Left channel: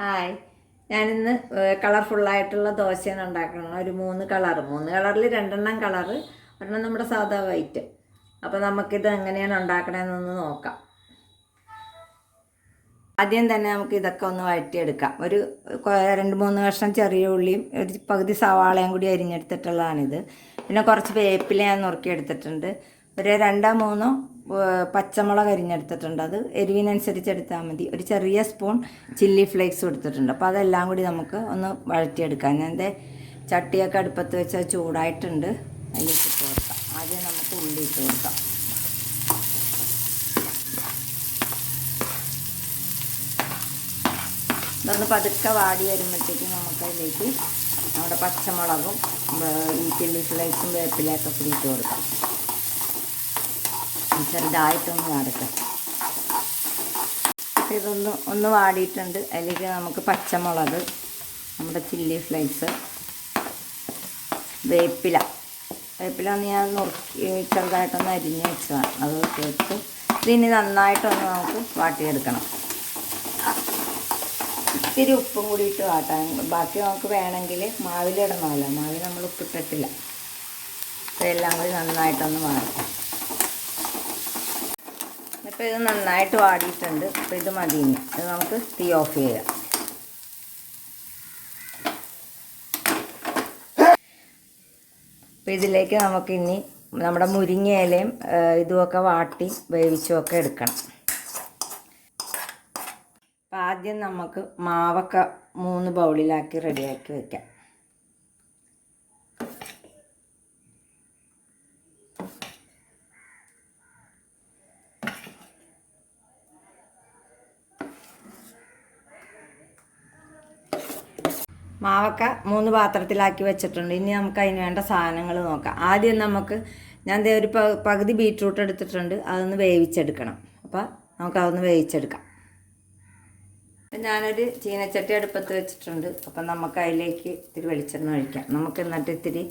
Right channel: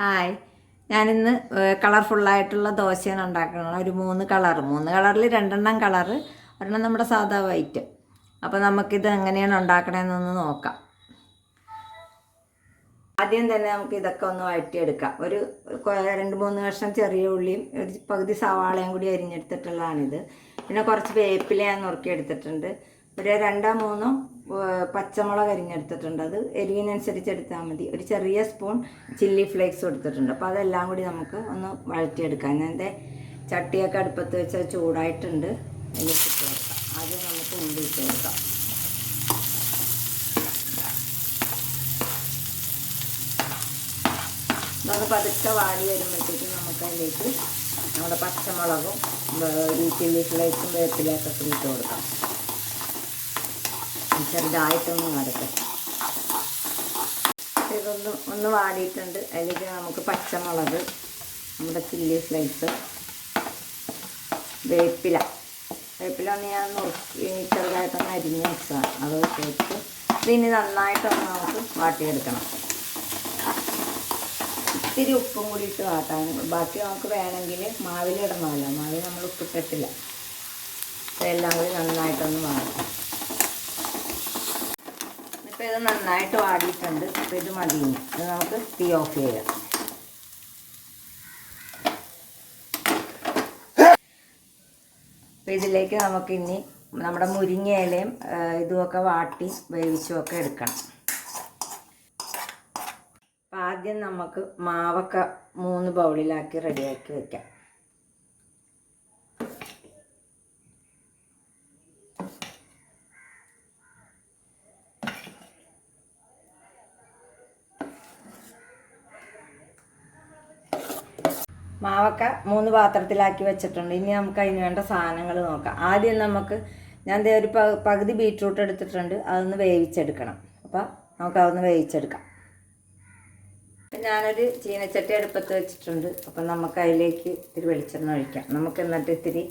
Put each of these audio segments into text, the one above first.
Hi ഞാനിന്ന് കളർഫുള്ളായിട്ടുള്ള ദോശയാണ് ഉണ്ടാക്കുന്നത്. ഒരു മൂന്ന് കളർ മൂന്ന് കളറിൽ രണ്ടെണ്ണം കളറ് ഒരെണ്ണം നമ്മുടെ സാധാ വൈറ്റ്. അപ്പോൾ നമുക്കിത് എങ്ങനെയാണ് ഉണ്ടാക്കണമെന്നൊന്ന് നോക്കാം. ആദ്യം തന്നെ നമുക്ക് ഇതൊക്കെ ഒന്ന് വഴറ്റിയെടുക്കാം. ഒരു രണ്ട് മൂന്ന് കഷ്ണം ചെറിയ ഉള്ളിയും ഒരു പകുതി സവാളയും കൂടി അരിഞ്ഞെടുത്തിട്ടുള്ളതാണിത്. പിന്നെ കുറച്ച് വേപ്പില ഞാൻ നുറുക്കിയെടുത്തിട്ടുണ്ട്. ഒരു രണ്ടോ മൂന്നോ പച്ചമുളക് അരിഞ്ഞെടുത്തിട്ടുണ്ട്. അത് എരിവിനനുസരിച്ച് എടുത്താൽ മതി. ഒരു ചെറിയ സ്പൂൺ ചില്ലി ഫ്ലേക്സ് എടുത്തിട്ടുണ്ട് അപ്പോൾ അതെല്ലാം കൂടി നമുക്ക് ഒന്ന് വഴറ്റിയെടുക്കാം. ഞാൻ എന്റെ ചട്ടിയൊക്കെ അടുപ്പത്ത് വെച്ചാൽ ചൂടായിട്ടുണ്ട്. അതിലേക്ക് ചേർക്കാം ആദ്യം നമുക്ക് ഉള്ളി ചേർക്കാം നമ്മൾ പതുക്കെ വാടി വരുമ്പോഴത്തേക്കും നമുക്ക് അതിലേക്ക് നമ്മുടെ പച്ചമുളകും ഈ ചില്ലി ഫ്ലേക്സും വേപ്പിലയൊക്കെ ഇട്ട് കൊടുക്കാം. ചെറുതായിട്ടൊന്ന് വാടട്ടെ. ഇതൊന്ന് ഒന്ന് വാടിയിട്ടുണ്ട്. അതിലേക്ക് നമുക്ക് പച്ചമുളക് നമ്മുടെ ചില്ലി ഫ്ലേക്സ് വേപ്പില. വേപ്പില ഒന്ന് ഞാൻ നുറുക്കി ചെറുതായിട്ടൊന്ന് അരിഞ്ഞ് വെച്ചതാണ്. അത് ചേർത്ത് ഇതിന് നന്നായിട്ടൊന്ന് നമുക്ക് വാട്ടിയെടുക്കണം. ഇത്തിരി ഉപ്പും കൂടി ഇട്ട് വാട്ടാൻ ബാക്കി നമുക്ക് വേണമെങ്കിൽ മാവിലിടണമല്ലോ മാവിൽ നമ്മൾ ഉപ്പിട്ടിട്ടില്ല. ഇതെല്ലാം കൂടി നന്നായിട്ടൊന്ന് വാട്ടാം ഇപ്പോൾ ഇത് നന്നായിട്ട് വാടിയിട്ടുണ്ട്. അപ്പോൾ ഇത് മതി ഇനി. ഇത് നമുക്ക് തീ ഓഫ് ചെയ്യാം. അപ്പോൾ ഇതിലേക്ക് നമുക്ക് ഇനി നമ്മുടെ മുരിങ്ങയിലയും ഇതുമൊക്കെ വാട്ടി വേവിച്ചുമൊക്കെ എടുക്കണം. അപ്പം ആദ്യം നമുക്ക് മാവൊക്കെ മൂന്ന് ബൗളിലാക്കി റെഡിയാക്കി വെക്കാം. മാവൊക്കെ മൂന്ന് പാത്രത്തിലാക്കി വെച്ചിട്ടുണ്ട്. ഇനി നമുക്ക് അതിന് വേണ്ട സാധനങ്ങൾ നോക്കാം. ആദ്യം നമുക്ക് ഞാൻ ദേ ഒരു പകുതി ബീട്രൂട്ട് എടുത്തിട്ടുണ്ട്. അതൊന്ന് വേവിച്ചെടുക്കണം. അപ്പോൾ നമുക്ക് അതൊന്ന് വേവിച്ചെടുക്കാം. ഞാനൊരു ചീനച്ചട്ടി അടുപ്പത്ത് വെച്ചിട്ടുണ്ട്. അപ്പം നമുക്ക് അതിലേക്ക് ഇത്തിരി വെളിച്ചെണ്ണ ഒഴിക്കാം. നമുക്ക് എന്നിട്ട് ഇത്തിരി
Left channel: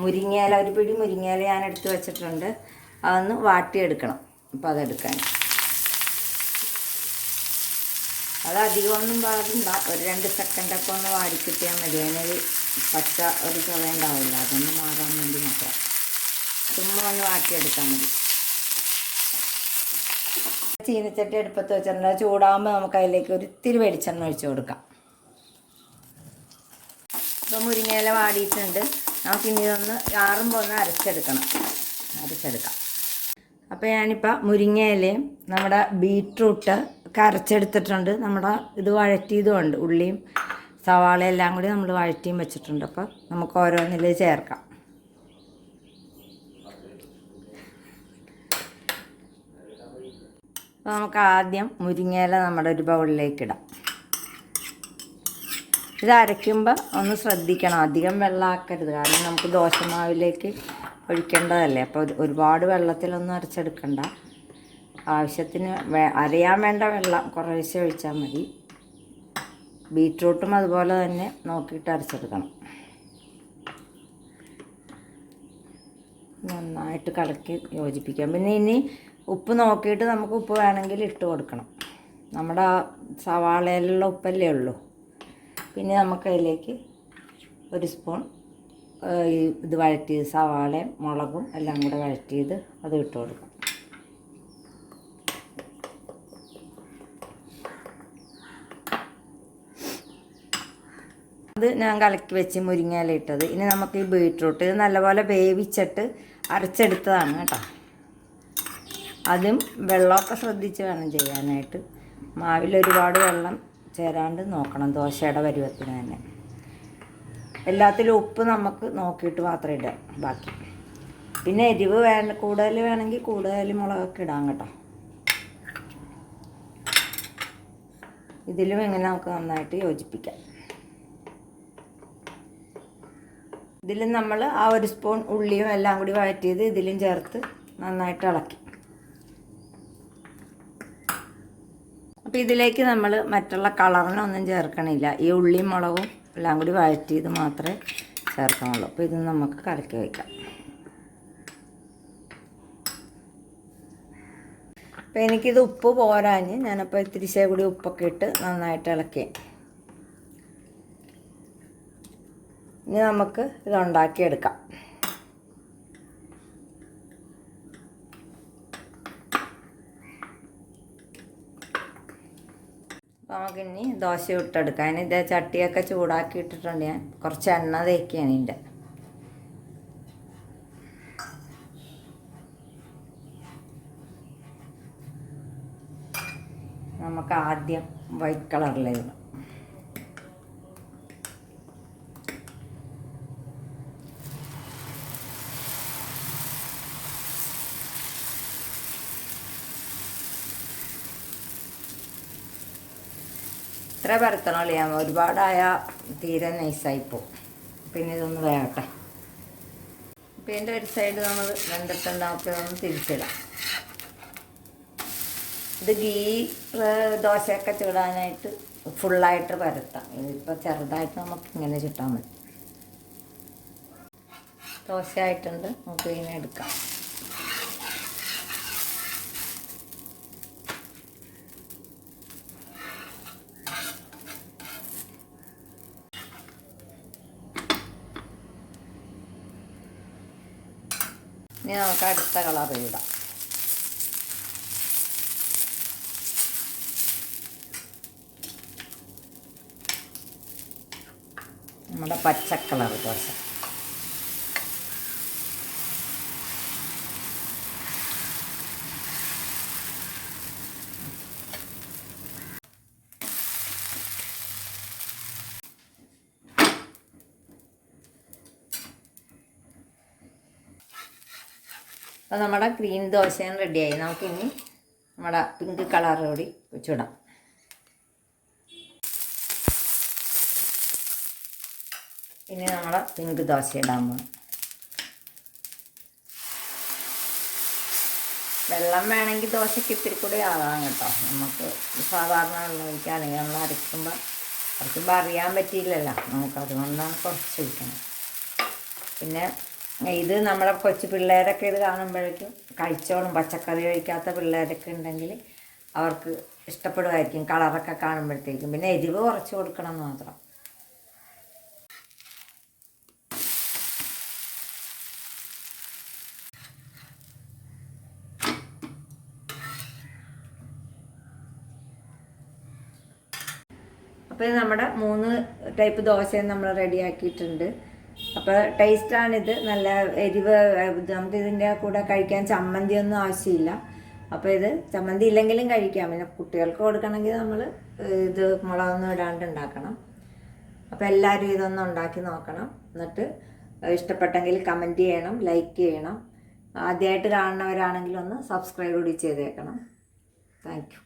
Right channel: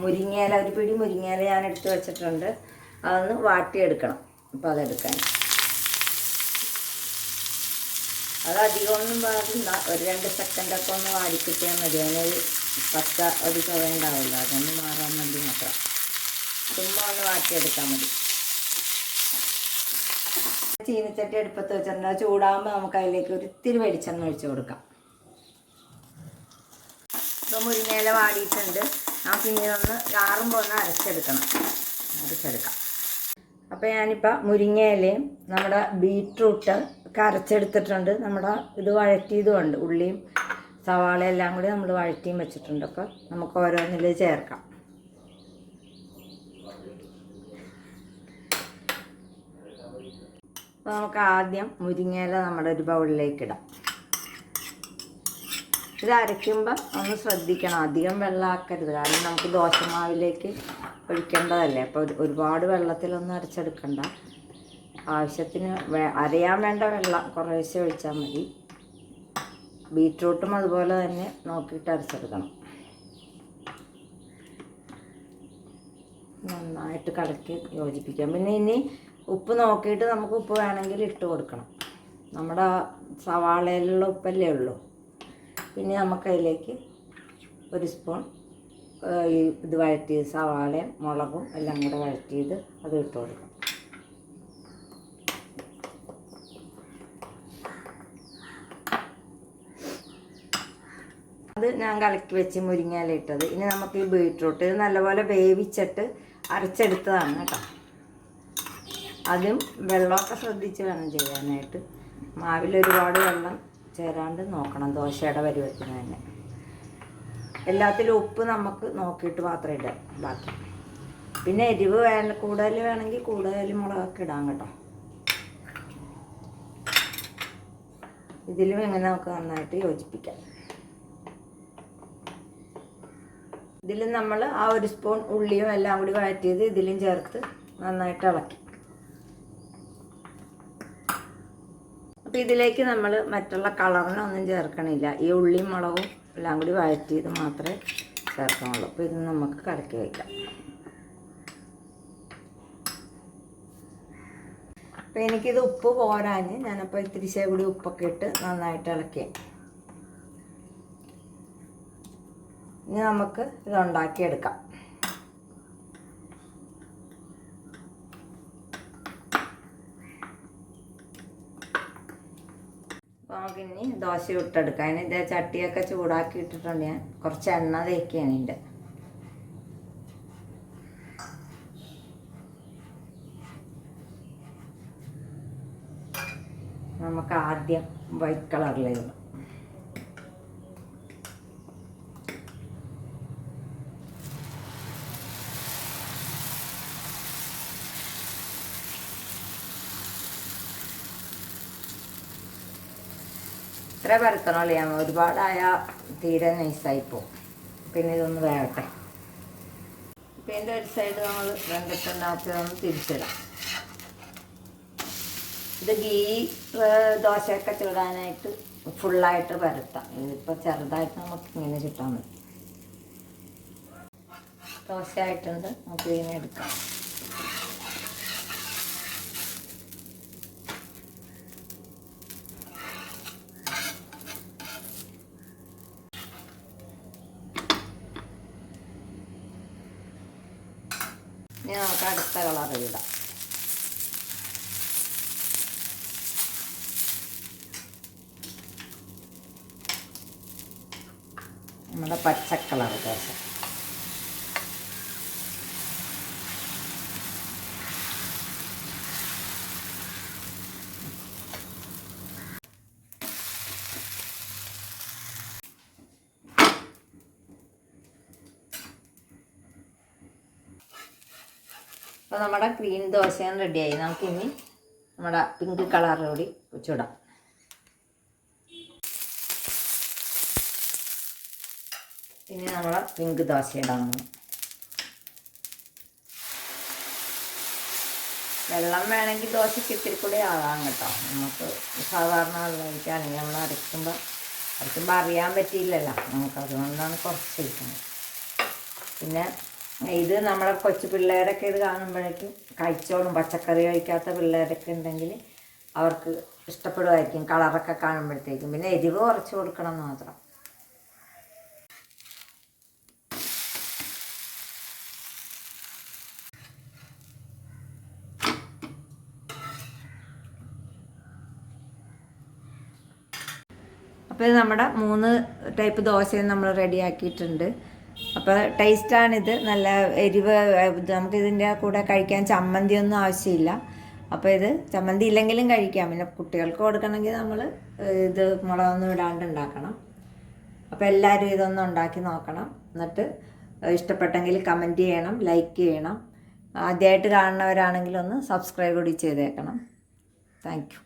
മുരിങ്ങയില ഒരു പിടി മുരിങ്ങയില ഞാൻ എടുത്ത് വെച്ചിട്ടുണ്ട്. അതൊന്ന് വാട്ടിയെടുക്കണം. അപ്പോൾ അതെടുക്കാൻ. അത് അധികമൊന്നും പാടില്ല. ഒരു രണ്ട് സെക്കൻഡൊക്കെ ഒന്ന് വാരിക്കിട്ടിയാൽ മതി. അതിനൊരു പച്ച ഒരു ചുവ ഉണ്ടാവില്ല. അതൊന്ന് മാറാൻ വേണ്ടി മാത്രം. ചുമ്മാ ഒന്ന് വാട്ടിയെടുത്താൽ മതി. ചീനച്ചട്ടി എടുപ്പത്ത് വെച്ചിട്ടുണ്ട്. ചൂടാകുമ്പോൾ നമുക്ക് അതിലേക്ക് ഒരിത്തിരി വെളിച്ചെണ്ണ ഒഴിച്ചു കൊടുക്കാം. ഇപ്പോൾ മുരിങ്ങയില വാടിയിട്ടുണ്ട്. നമുക്ക് ഇനി ഒന്ന് ആറുമ്പോൾ ഒന്ന് അരച്ചെടുക്കണം. അരച്ചെടുക്കാം. അപ്പോൾ ഞാനിപ്പോൾ മുരിങ്ങയിലയും നമ്മുടെ ബീട്രൂട്ട് കരച്ചെടുത്തിട്ടുണ്ട്. നമ്മുടെ ഇത് വഴറ്റിയതുമുണ്ട് ഉള്ളിയും സവാള എല്ലാം കൂടി നമ്മൾ വഴറ്റിയും വെച്ചിട്ടുണ്ട്. അപ്പോൾ നമുക്ക് ഓരോന്നിൽ ചേർക്കാം. അപ്പോൾ നമുക്ക് ആദ്യം മുരിങ്ങയില നമ്മുടെ ഒരു ബൗളിലേക്ക് ഇടാം. ഇത് അരയ്ക്കുമ്പോൾ ഒന്ന് ശ്രദ്ധിക്കണം. അധികം വെള്ളമാക്കരുത് കാരണം നമുക്ക് ദോശമാവിലേക്ക് ഒഴിക്കേണ്ടതല്ലേ? അപ്പോൾ ഒരു- ഒരുപാട് വെള്ളത്തിലൊന്നും അരച്ചെടുക്കണ്ട. ആവശ്യത്തിന് അരയാൻ വേണ്ട വെള്ളം കുറേശ്ശെ ഒഴിച്ചാൽ മതി. ബീട്രൂട്ടും അതുപോലെ തന്നെ നോക്കിയിട്ട് അരച്ചെടുക്കണം. നന്നായിട്ട് കലക്കി യോജിപ്പിക്കാം. പിന്നെ ഇനി ഉപ്പ് നോക്കിയിട്ട് നമുക്ക് ഉപ്പ് വേണമെങ്കിൽ ഇട്ട് കൊടുക്കണം. നമ്മുടെ സവാളയിലുള്ള ഉപ്പല്ലേ ഉള്ളൂ. പിന്നെ നമുക്കതിലേക്ക് ഒരു സ്പൂൺ ഇത് വഴറ്റിയത് സവാളയും മുളകും എല്ലാം കൂടെ വഴറ്റിയത് അത് ഇട്ട് കൊടുക്കും. അത് ഞാൻ കലക്കി വെച്ച് മുരിങ്ങയില ഇട്ടത്. ഇനി നമുക്ക് ഈ ബീട്രൂട്ട് ഇത് നല്ലപോലെ വേവിച്ചിട്ട് അരച്ചെടുത്തതാണ് കേട്ടോ. അതും വെള്ളമൊക്കെ ശ്രദ്ധിച്ച് വേണം ചെയ്യാനായിട്ട്. മാവിൽ ഒരുപാട് വെള്ളം ചേരാണ്ട് നോക്കണം ദോശയുടെ പരുവത്തിന് തന്നെ. എല്ലാത്തിലും ഉപ്പ് നമുക്ക് നോക്കിയിട്ട് മാത്രം ഇടാം ബാക്കി. പിന്നെ എരിവ് വേ കൂടുതൽ വേണമെങ്കിൽ കൂടുതൽ മുളകൊക്കെ ഇടാം കേട്ടോ. ഇതിലും ഇങ്ങനെ നമുക്ക് നന്നായിട്ട് യോജിപ്പിക്കാം. ഇതിലും നമ്മൾ ആ ഒരു സ്പൂൺ ഉള്ളിയും എല്ലാം കൂടി വഴറ്റിയത് ഇതിലും ചേർത്ത് നന്നായിട്ട് ഇളക്കി. അപ്പോൾ ഇതിലേക്ക് നമ്മൾ മറ്റുള്ള കളറിനൊന്നും ചേർക്കണില്ല. ഈ ഉള്ളിയും മുളകും എല്ലാം കൂടി വഴറ്റിയത് മാത്രമേ ചേർക്കാനുള്ളൂ അപ്പോൾ ഇത് നമുക്ക് കലക്കി വയ്ക്കാം അപ്പോൾ എനിക്കിത് ഉപ്പ് പോരാഞ്ഞ് ഞാനപ്പോൾ ഇത്തിരി കൂടി ഉപ്പൊക്കെ ഇട്ട് നന്നായിട്ട് ഇളക്കി. ഇനി നമുക്ക് ഇത് ഉണ്ടാക്കിയെടുക്കാം. നമുക്കിനി ദോശ ഇട്ടെടുക്കാം. ഇതേ ചട്ടിയൊക്കെ ചൂടാക്കി ഇട്ടിട്ടുണ്ട് ഞാൻ. കുറച്ച് എണ്ണ തേക്കുകയാണ് ഇതിന്റെ. നമുക്ക് ആദ്യം വൈറ്റ് കളറിലായിരുന്നു ഇത്ര പരത്തണമല്ലേ ഞാൻ ഒരുപാടായ തീരെ നൈസായി പോകും പിന്നെ ഇതൊന്ന് വേകട്ടെ പിന്നെ ഒരു സൈഡ് നമ്മൾ വെന്തിട്ടുണ്ടാക്കി നമ്മൾ തിരിച്ചിടാം. ഇത് ഗീ ദോശയൊക്കെ ചൂടാനായിട്ട് ഫുള്ളായിട്ട് പരത്താം. ഇതിപ്പോൾ ചെറുതായിട്ട് നമുക്ക് ഇങ്ങനെ ചുട്ടാൽ മതി. ദോശ ആയിട്ടുണ്ട് നമുക്ക് ഇതിനെ എടുക്കാം. ഇനി നമുക്ക് അടുത്ത കളർ ഇടാം. നമ്മുടെ പച്ചക്കളർ കളർ ദോശ. അപ്പോൾ നമ്മുടെ ഗ്രീൻ ദോശയും റെഡിയായി നമുക്കിനി നമ്മുടെ പിങ്ക് കളർ കൂടി ചുടാം ഇനി നമ്മുടെ പിങ്ക് ദോശ ഇടാൻ പോകും വെള്ളം വേണമെങ്കിൽ ദോശയ്ക്ക് ഇത്തിരി കൂടെ ആകാം കേട്ടോ. നമുക്ക് സാധാരണ വെള്ളം ഒഴിക്കാം അല്ലെങ്കിൽ നമ്മൾ അരയ്ക്കുമ്പോൾ കുറച്ച് അറിയാൻ പറ്റിയില്ലല്ലോ. നമുക്ക് അതുകൊണ്ടാണ് കുറച്ച് ഒഴിക്കുന്നത്. പിന്നെ ഇത് നമ്മളെ കൊച്ചു പിള്ളേരൊക്കെ ഇത് കാണുമ്പോഴേക്കും കഴിച്ചോളും. പച്ചക്കറി കഴിക്കാത്ത പിള്ളേരൊക്കെ ഉണ്ടെങ്കിൽ അവർക്ക് ഇഷ്ടപ്പെടുമായിരിക്കും. കളറൊക്കെ കാണുമ്പോഴത്തേക്കും. പിന്നെ എരിവ് കുറച്ച് കൊടുക്കണം മാത്രം. അപ്പോൾ നമ്മുടെ മൂന്ന് ടൈപ്പ് ദോശയും നമ്മൾ റെഡിയാക്കിയിട്ടുണ്ട്. അപ്പോൾ ടേസ്റ്റാണിത് നല്ല എരിവ് നമുക്ക് ഇതിന്റെ കൂടെ കഴിക്കാൻ ചമ്മന്തി ഒന്നും ആവശ്യമില്ല. അപ്പോൾ ഇത് ചമ്മന്തി ഇല്ലെങ്കിലും കഴിക്കാം. പിന്നെ കുട്ടികൾക്ക് കൊടുക്കണമെങ്കിൽ നമ്മൾ ഇത് മുളകൊന്നും ഇടാണ്ട് ഉണ്ടാക്കണം. അപ്പോൾ എല്ലാവരും ഇതൊന്നും ഉണ്ടാക്കി നോക്കണം. എന്നിട്ട് ഇഷ്ടപ്പെട്ടെങ്കിൽ കമന്റ് ചെയ്യണം ലൈക്ക് ചെയ്യണം. ആദ്യമായിട്ട് കാണുന്നവരാണെങ്കിൽ ഒന്ന് സബ്സ്ക്രൈബ് കൂടി ചെയ്തേക്കണം. താങ്ക്